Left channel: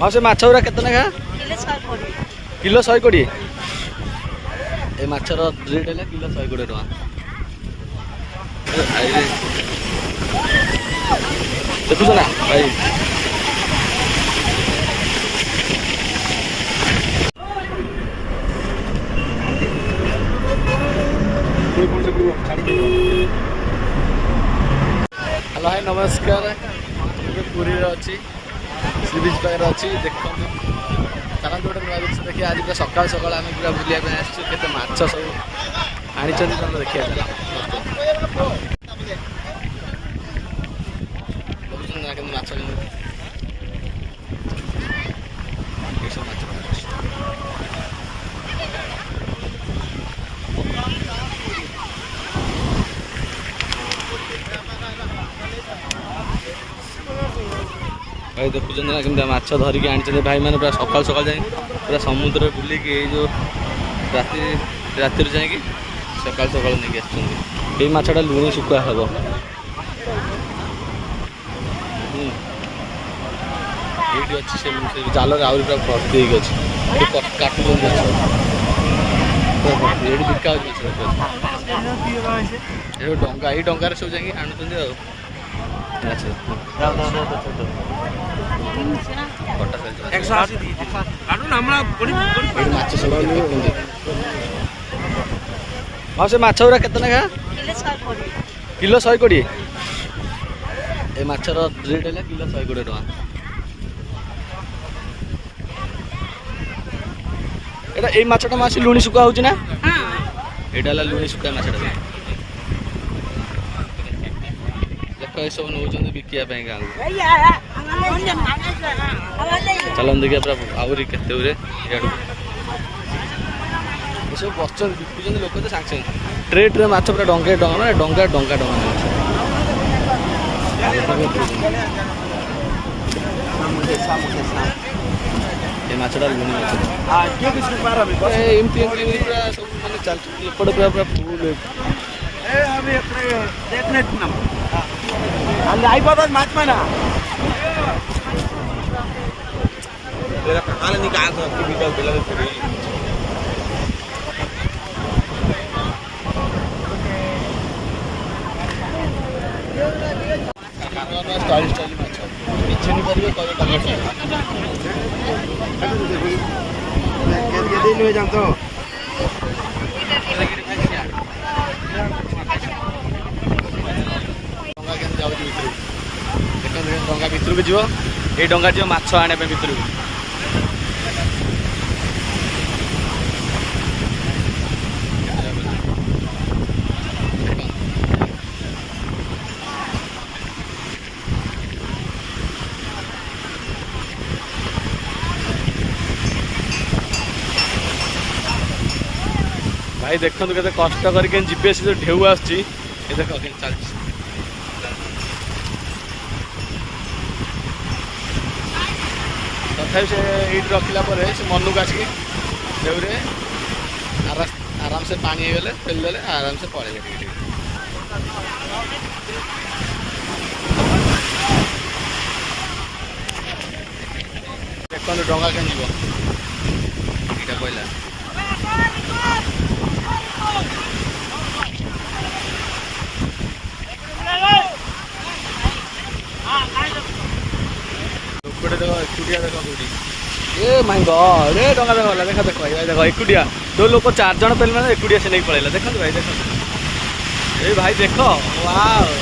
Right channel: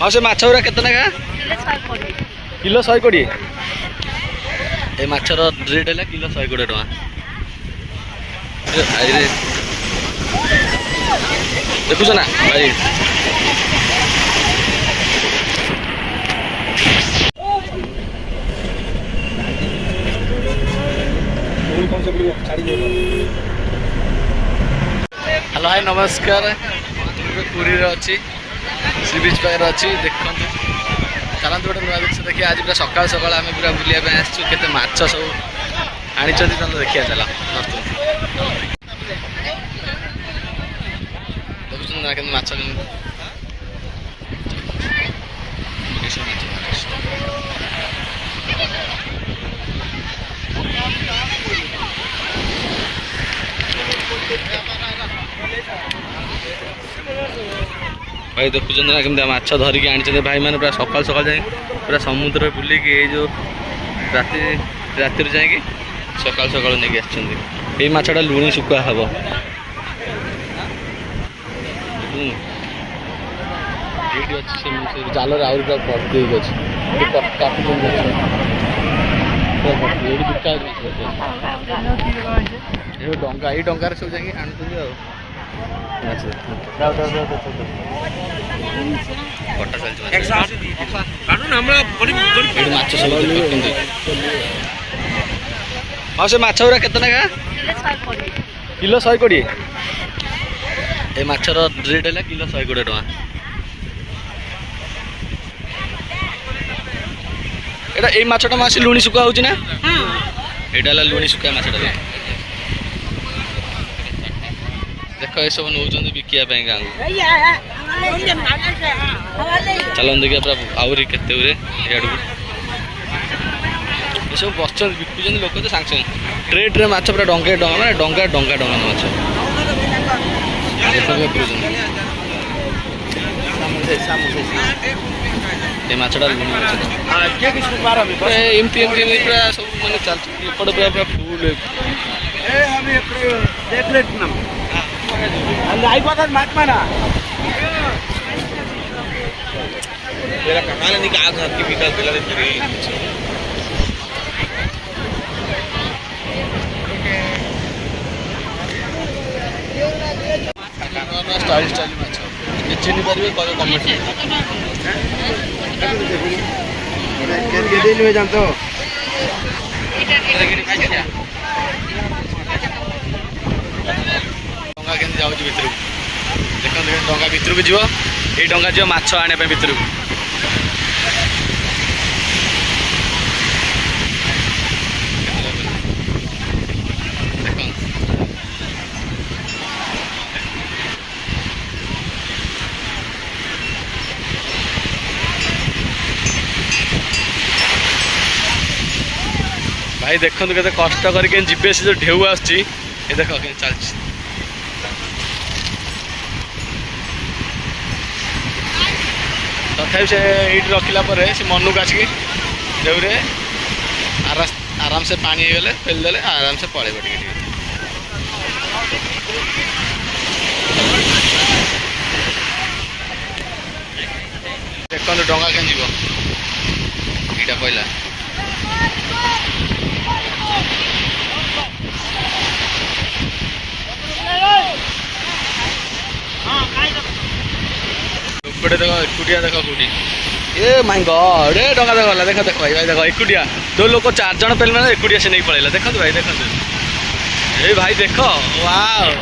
हाँ से माछ गुरा केतना का किलो 120 ए माछर रेट है किलो 120 टका देखुछ ना भाई हेलो हाय नमस्कार पुरी अच्छी सी बीच पाखे अच्छी देखते चलते गोटे नुआ जिन देखिए आज पूरा सकाल सकाल आम पूरा बुलाया आसचु केते माछ सब आनी देखिए चला देखुन ना के माछ भाई देखुं ना केमती माछ धरिकी आनी भाई मैंने पूरा सकाल सकाल जाए पूरा समुद्र बुलिकी जो राति जाकि सकाल सकाल नहीं आसछन्ती माछटा लुणी शुखुआ हम ये अच्छी जाल आहरी पूरा भर्ती अच्छे काटुन ये बिका डा ये डर सब जाकि आणुच्च कटा चलती माछ सब हाँ से माछ गुरा केतना का किलो 120 ए माछर रेट है किलो 120 टका एटा ए माछटा मासी लुणी सुका होची ना एटा ला लुणी सुका माछटा देख ये सब नौ बिकिया गाँव चलन देखिए पूरा आहरी केते ये सब बस बिकुन लोक तो सांगे सांगे ट्रे ट्रे माछ पूरा डंगे डंगा मैंने डंगा डंगा डंगा माछ ये माछटा लुणी माछ एमती एमती पूरा सब माने चल एपट पूरा पूरा फुल అయిపోతుంది మ్యాచ్ పైన నీకు ఆగి వికల్ పిల్లలు స్టైల్ స్టైల్ మ్యాచ్ చిన్ని పరివే కమెంట్ ଜାଣିଛ डंगा के जाऊँ भितर देख डंगा भितर को जीव ये डंगा जीव माछ आने भितर को भाई देखो केते कष्ट करके जीवे से जो ढेउ आसची ये देख चल तथा से ये रखला से मन को आसिक देवरे आराम से पानी गले फेल देले आराम से पड़े देखो डंगा के जीव यहाँ पहला गोटे देख एकुटिया देख कौटी ए माय गॉड ए डंगा देख देख देख भाई देख एकुटिया दो लोग 4 जन पेल मैंने एकुटिया से नहीं पड़ेगा देखो भाई देखो ए भाई देख वाओ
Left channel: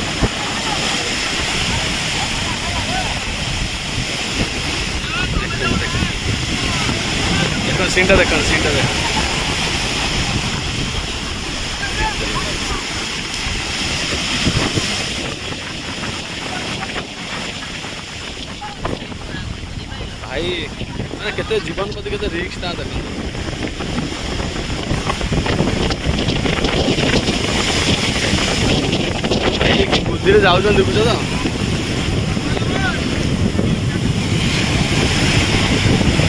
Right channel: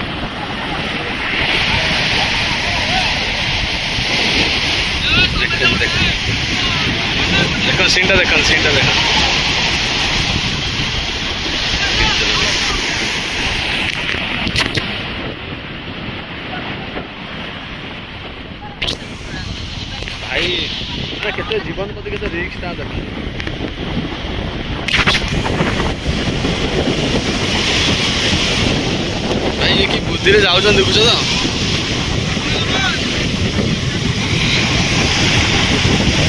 देख सीनटा देख भाई केते जीवन प्रति केते रिस्क ता देख भाई कि बुद्धि रे जाउ जन देखुछ तो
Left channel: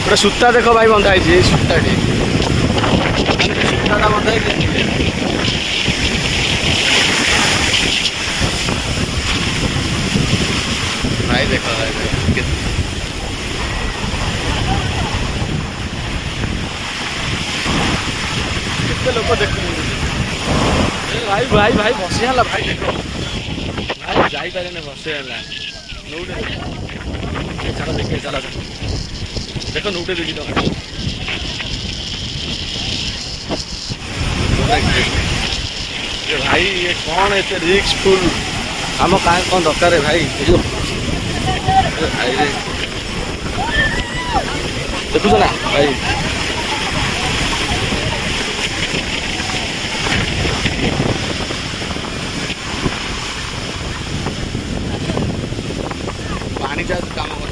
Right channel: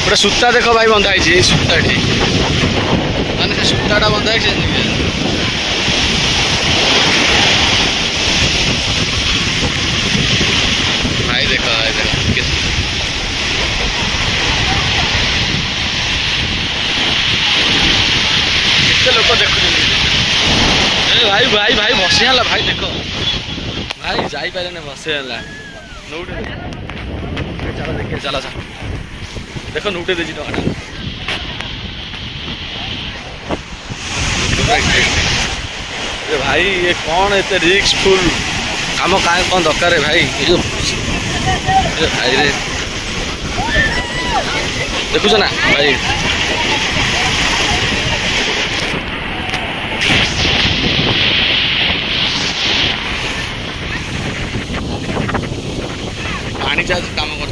पूरा सूता देख भाई बंधा है सूताटी माने सूताटा बंधा है भाई देख लोग देखुं भाई भाई भाई बसीगला भाई देख भाई जापारे बसीगला नौटे चल देखे चल देख नौटे देवी टमाटा भाई ये कौन एत रिक्स फुल आम कहाँ कौन दरकार भाई भाई रे देखुच ना भाई पानी चार्ज काम कर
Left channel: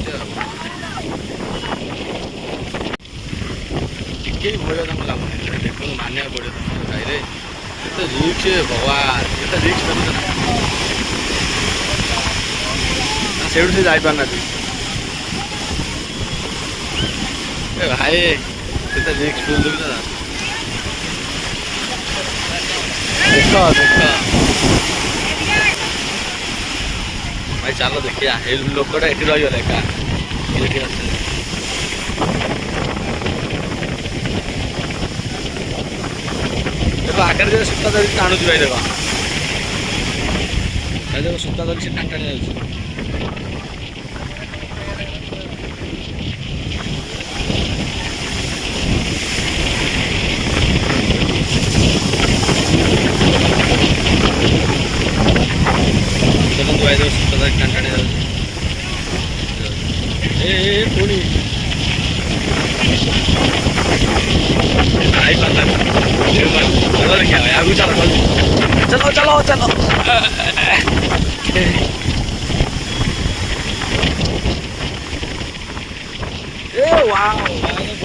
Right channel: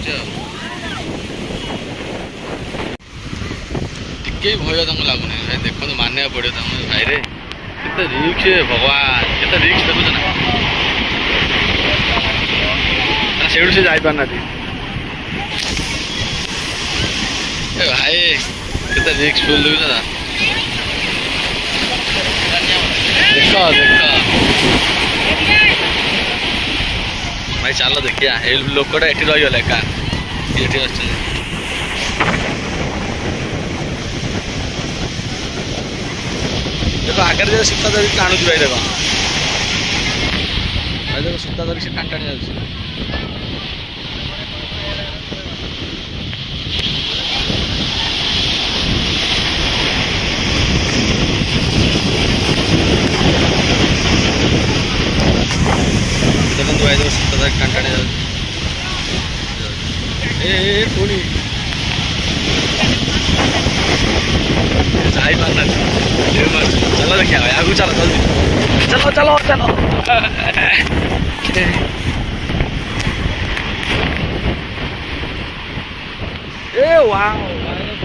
भय तक लगुनि भाई देख मानिया पड़ो भाई रे रिक्स भगवान के रिक्स देखुच ना से जापार भाई के रिक्स फुल देखुच ना देख देख भाई चल देखिया लोकटा ये रहीगला एका ये देखो आगे जो सीता धरिक टाणुच भाई देख भाई देख सूता धरिक से टाणी टाणी जाऊँ देखो भाई देख सूता धरिक टाणी टाणी जाऊँ ए पुणी आई पाता चलो देखिए भाई आगू चलो चलो चलो चलो ए वाह